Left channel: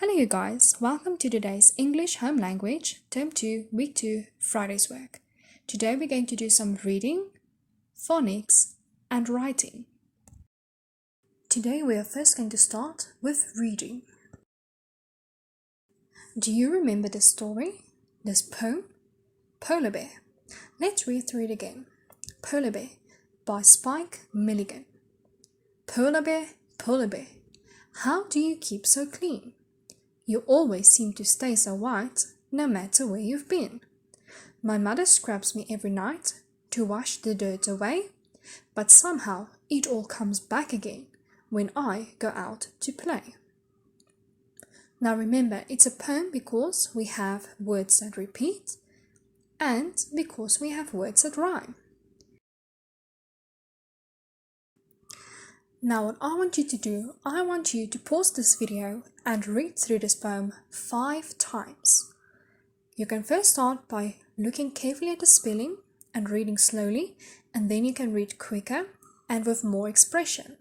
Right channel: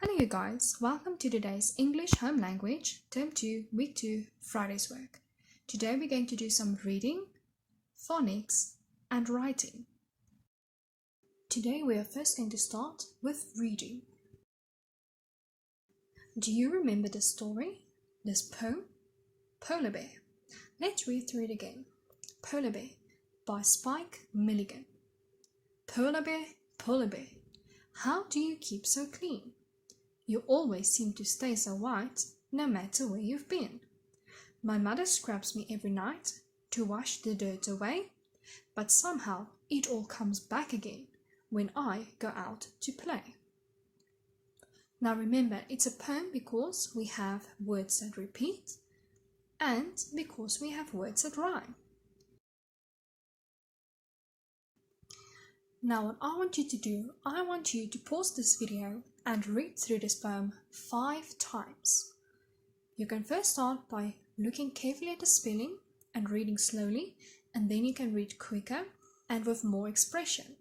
Hello you guys, welcome to today's English Home Language Term 2 Week 2 Friday's work. Today we're going to do some reading, phonics and writing. Today we are first going to start with reading. Do you remember this story, this poem? Polar Bear. Let's read through it again. Polar Bear by Spike Milligan. Polar Bear, how do you keep so clean? You always seem to stay so white, no matter where you've been. My mother scrubs me every night to wash the dirt away, but somehow it all comes back again when I go out to play. Now remember, it's a poem because we have words that repeat and because we have words that rhyme. Now what I want you to do, I want you to pause this video and read through this poem 5 times. You can first start by looking carefully at the spelling and reading slowly, and then you can read quicker and with more expression.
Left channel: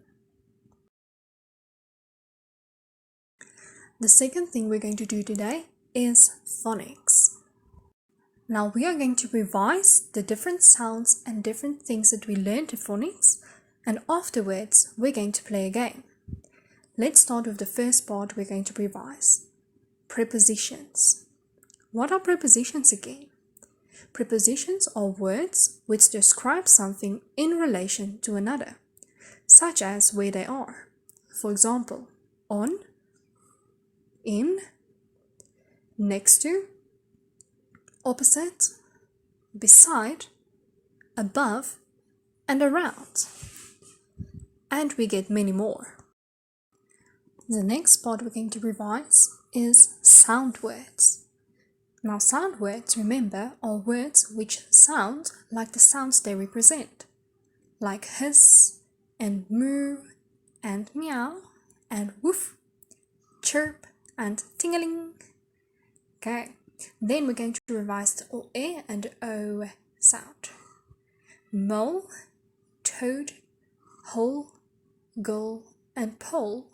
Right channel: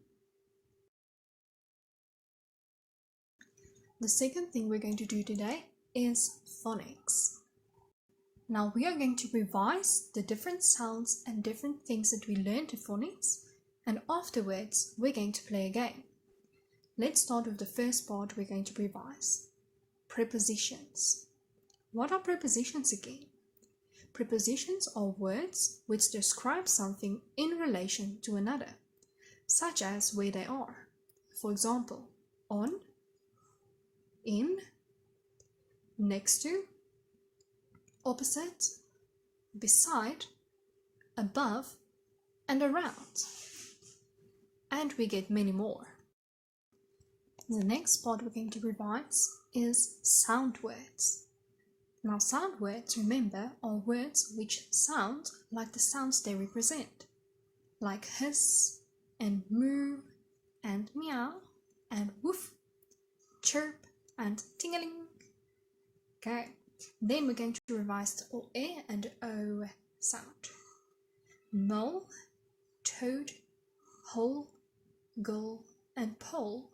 The second thing we're going to do today is phonics. Now we are going to revise the different sounds and different things that we learned in phonics, and afterwards we're going to play a game. Let's start with the first part we're going to revise. Prepositions. What are prepositions again? Prepositions are words which describe something in relation to another, such as where they are. For example, on, in, next to, opposite, beside, above, and around. And we get many more. The next part we're going to revise is sound words. Now sound words, remember, are words which sound like the sounds they represent, like hiss and moo and meow and woof, chirp and tingling. Okay, then we're going to revise the O and O sound. Mole, toad, hole, gull and pole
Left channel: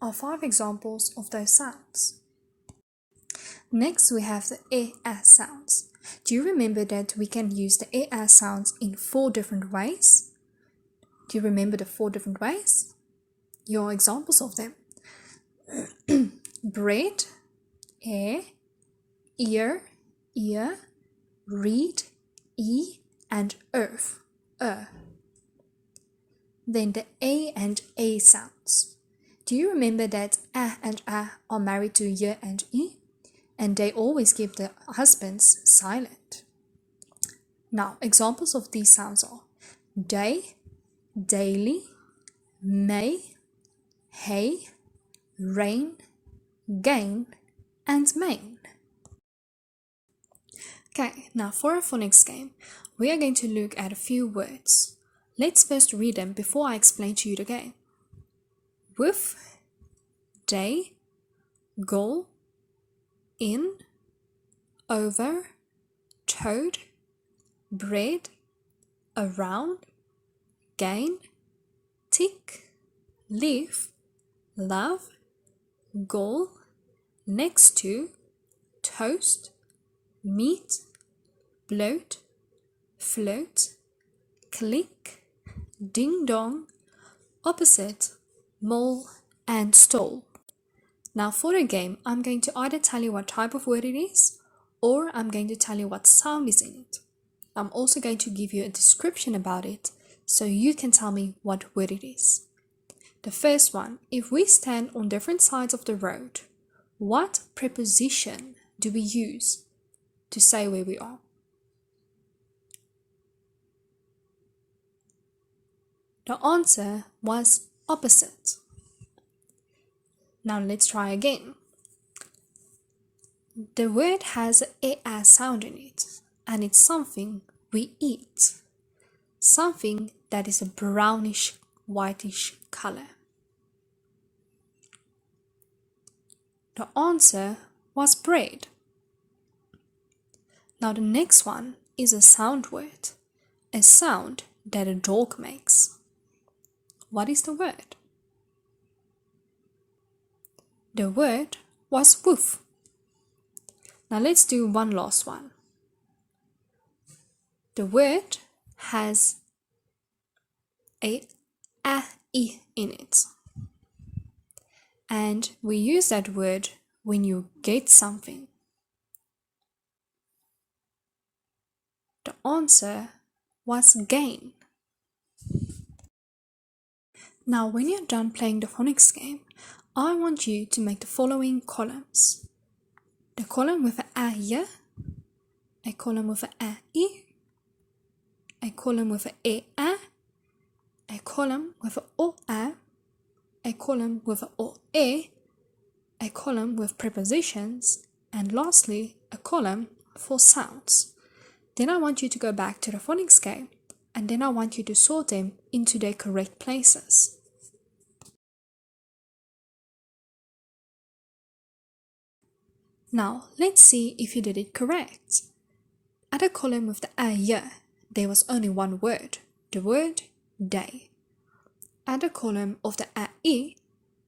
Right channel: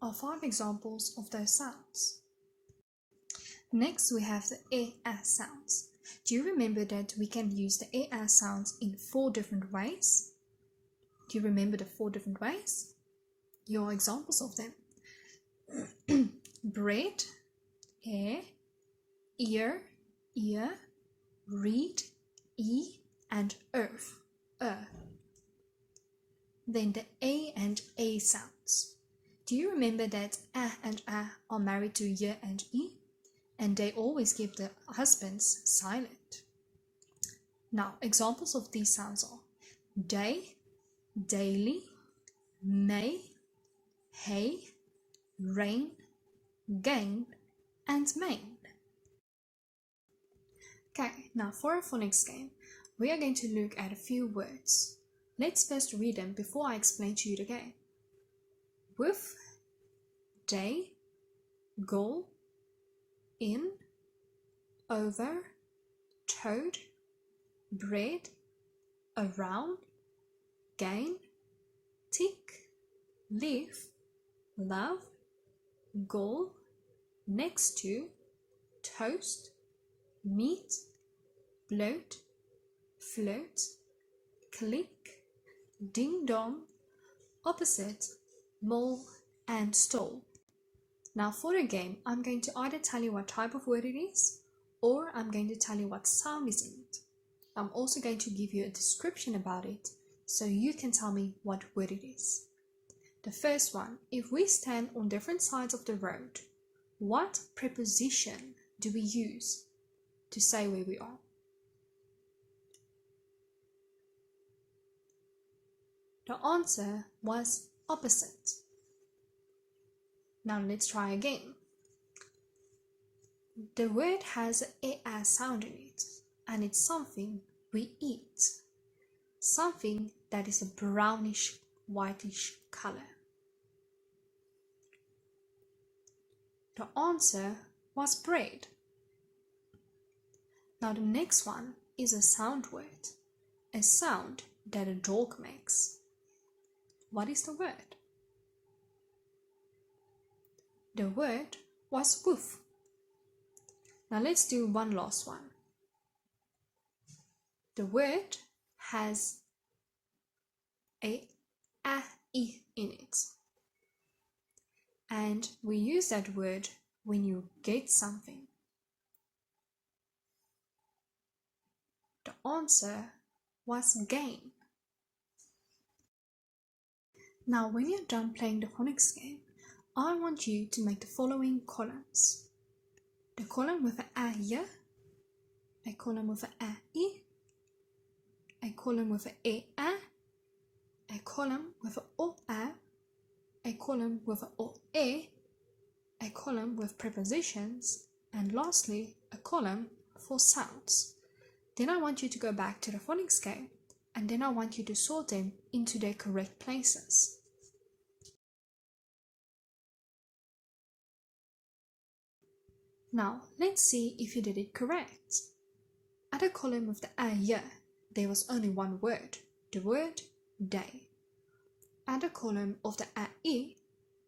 are 5 examples of those sounds. Next we have the sounds. Do you remember that we can use the sounds in 4 different ways? Do you remember the 4 different ways? Your examples of them. Bread, ear, ear, read, and earth, Then the A and A sounds. Do you remember that and are married to y and e? And they always keep the husbands silent. Now, examples of these sounds are day, daily, may, hay, rain, gain, and main. Okay, now for a phonics game, we are going to look at a few words. Let's first read them before I explain to you the game. With, day, goal, in, over, toad, bread, around, gain, tick, leaf, love, goal, next to, toast, meat, bloat, float, click, ding dong, opposite, mole, and stole. Now for the game, I'm going to either tell you what type of word it is, or I'm going to tell you what sound is in it. I'm also going to give you a description about it, so you can tell me what word it is. The first one, if we stand on different sides of the road, what preposition do we use to say where we are? The answer was opposite. Now let's try again. The word has a sound in it, and it's something we eat. Something that is a brownish, whitish color. The answer was bread. Now the next one is a sound word, a sound that a dog makes. What is the word? The word was woof. Now let's do one last one. The word has a I in it. And we use that word when you get something. The answer was gain. Now when you're done playing the phonics game, I want you to make the following columns. The column with a here, a column with a column with a column with a column with a column with prepositions, and lastly, a column for sounds. Then I want you to go back to the phonics game, and then I want you to sort them into their correct places. Now, let's see if you did it correct. At a column with the a here, there was only one word, the word day. At the column of the a,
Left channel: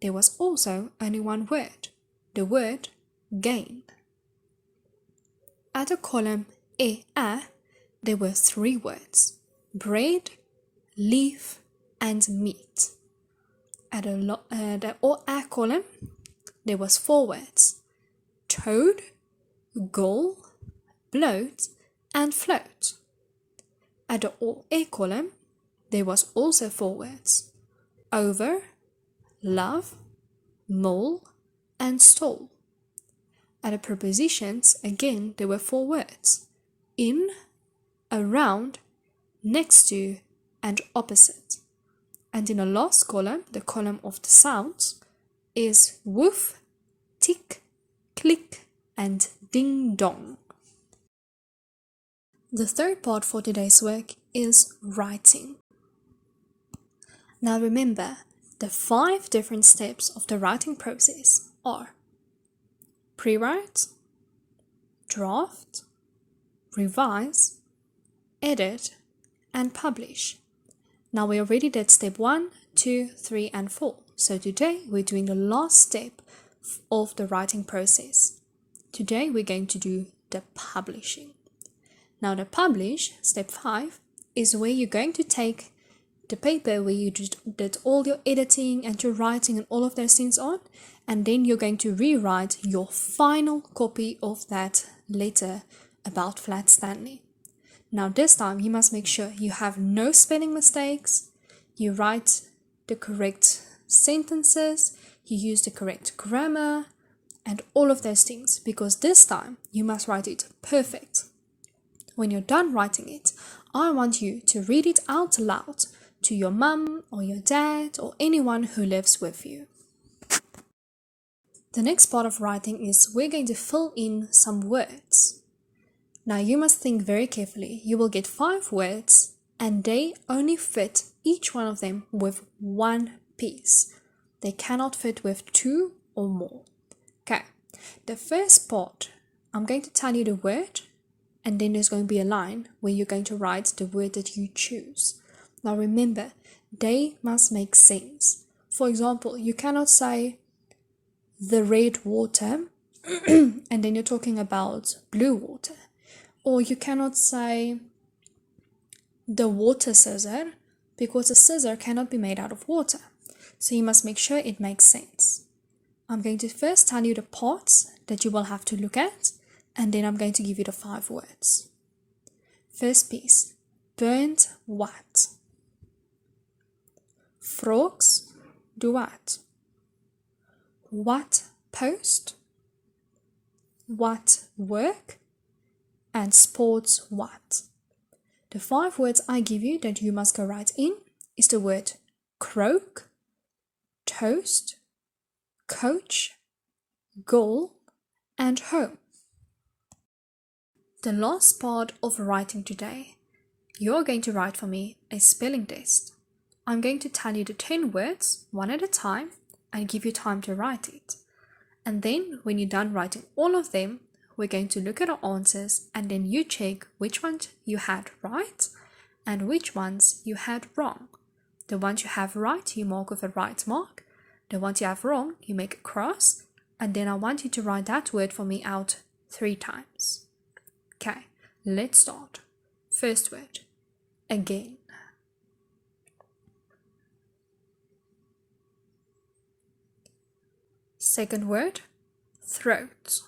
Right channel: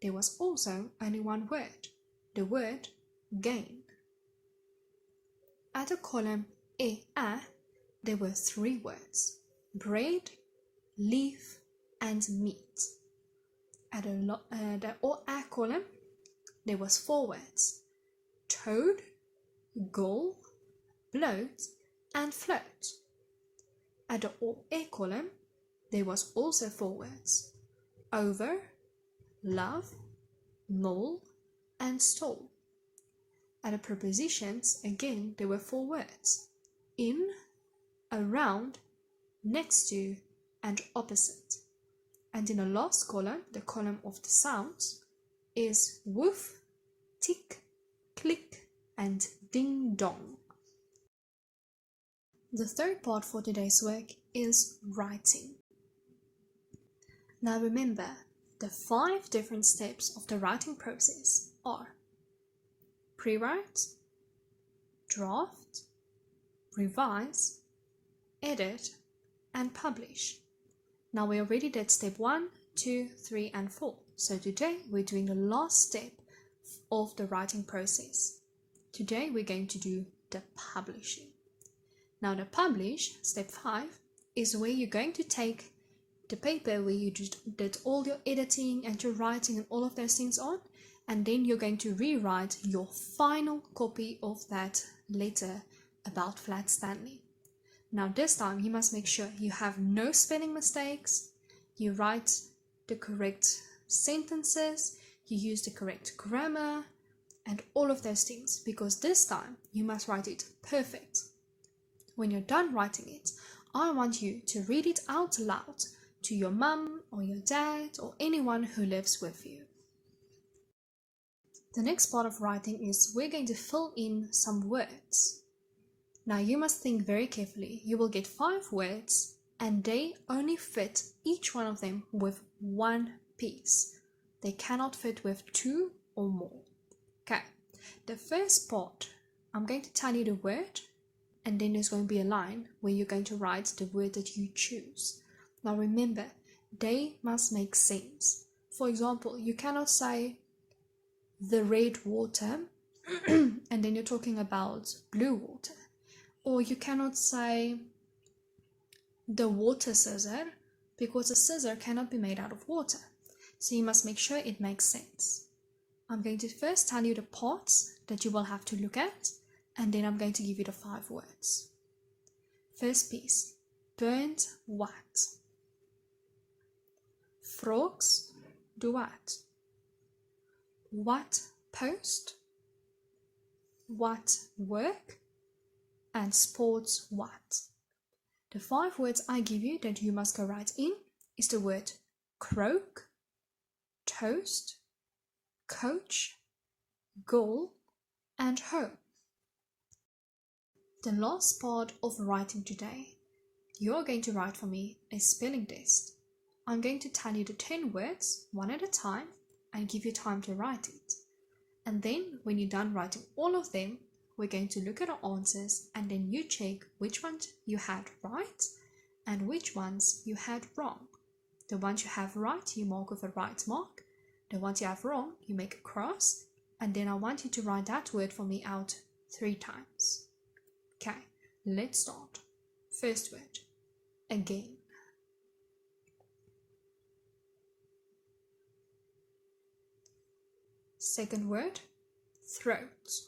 there was also only one word, the word gain. At the column a, there were three words, bread, leaf, and meat. At the a column, there was four words, toad, goal, bloat, and float. At the a column, there was also four words, over, love, mole, and stole. At the prepositions, again, there were four words, in, around, next to, and opposite. And in the last column, the column of the sounds, is woof, tick, click, and ding dong. The third part for today's work is writing. Now remember, the 5 different steps of the writing process are pre-write, draft, revise, edit, and publish. Now we already did step 1, 2, 3, and 4. So today we're doing the last step of the writing process. Today we're going to do the publishing. Now the publish, step 5, is where you're going to take the paper where you did all your editing and your writing and all of those things on, and then you're going to rewrite your final copy of that letter about Flat Stanley. Now this time you must make sure you have no spelling mistakes, you write the correct sentences, you use the correct grammar, and all of those things, because this time you must write it perfect. When you're done writing it, I want you to read it out loud to your mum or your dad or anyone who lives with you. The next part of writing is we're going to fill in some words. Now you must think very carefully. You will get 5 words and they only fit each one of them with one piece. They cannot fit with 2 or more. Okay, the first part, I'm going to tell you the word, and then there's going to be a line where you're going to write the word that you choose. Now remember, they must make sense. For example, you cannot say the red water and then you're talking about blue water. Or you cannot say the water scissor, because a scissor cannot be made out of water. So you must make sure it makes sense. I'm going to first tell you the parts that you will have to look at, and then I'm going to give you the 5 words. First piece, burnt white. Frogs duet. What post, what work, and sports what. The 5 words I give you that you must go write in is the word croak, toast, coach, goal, and home. The last part of writing today, you're going to write for me a spelling test. I'm going to tell you the 10 words one at a time and give you time to write it. And then when you're done writing all of them, we're going to look at our answers and then you check which ones you had right and which ones you had wrong. The ones you have right, you mark with a right mark. The ones you have wrong, you make a cross. and then I want you to write that word for me out 3 times. Okay, let's start. First word, again. Second word, throat.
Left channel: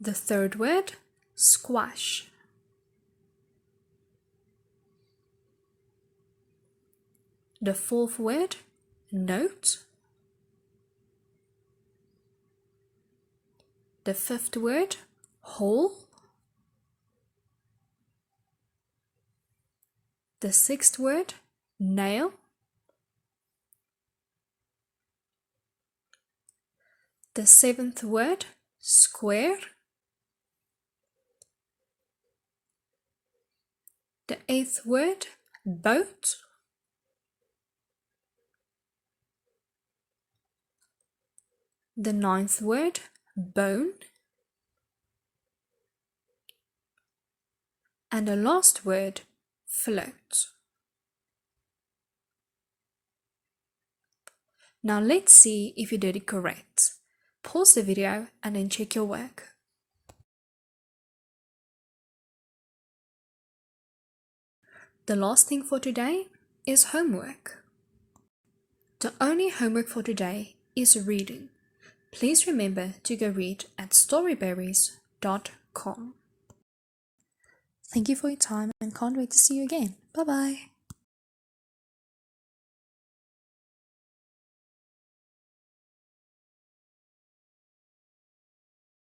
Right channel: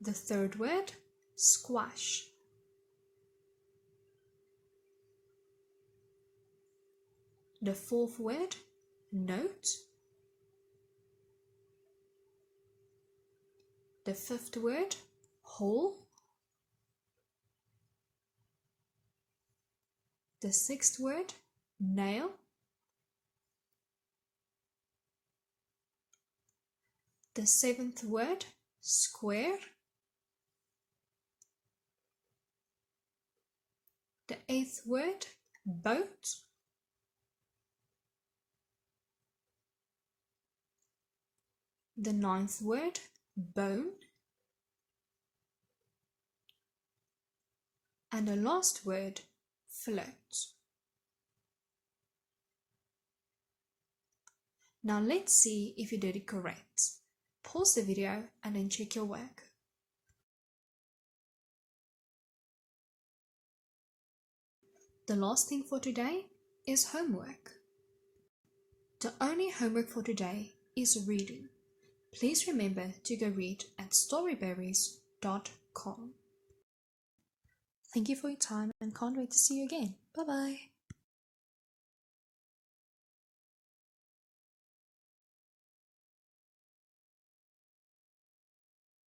The third word, squash. The fourth word, note. The fifth word, hole. The sixth word, nail. The seventh word, square. The eighth word, boat. The ninth word, bone. And the last word, float. Now let's see if you did it correct. Pause the video and then check your work. The last thing for today is homework. The only homework for today is reading. Please remember to go read at storyberries.com. Thank you for your time and can't wait to see you again. Bye bye.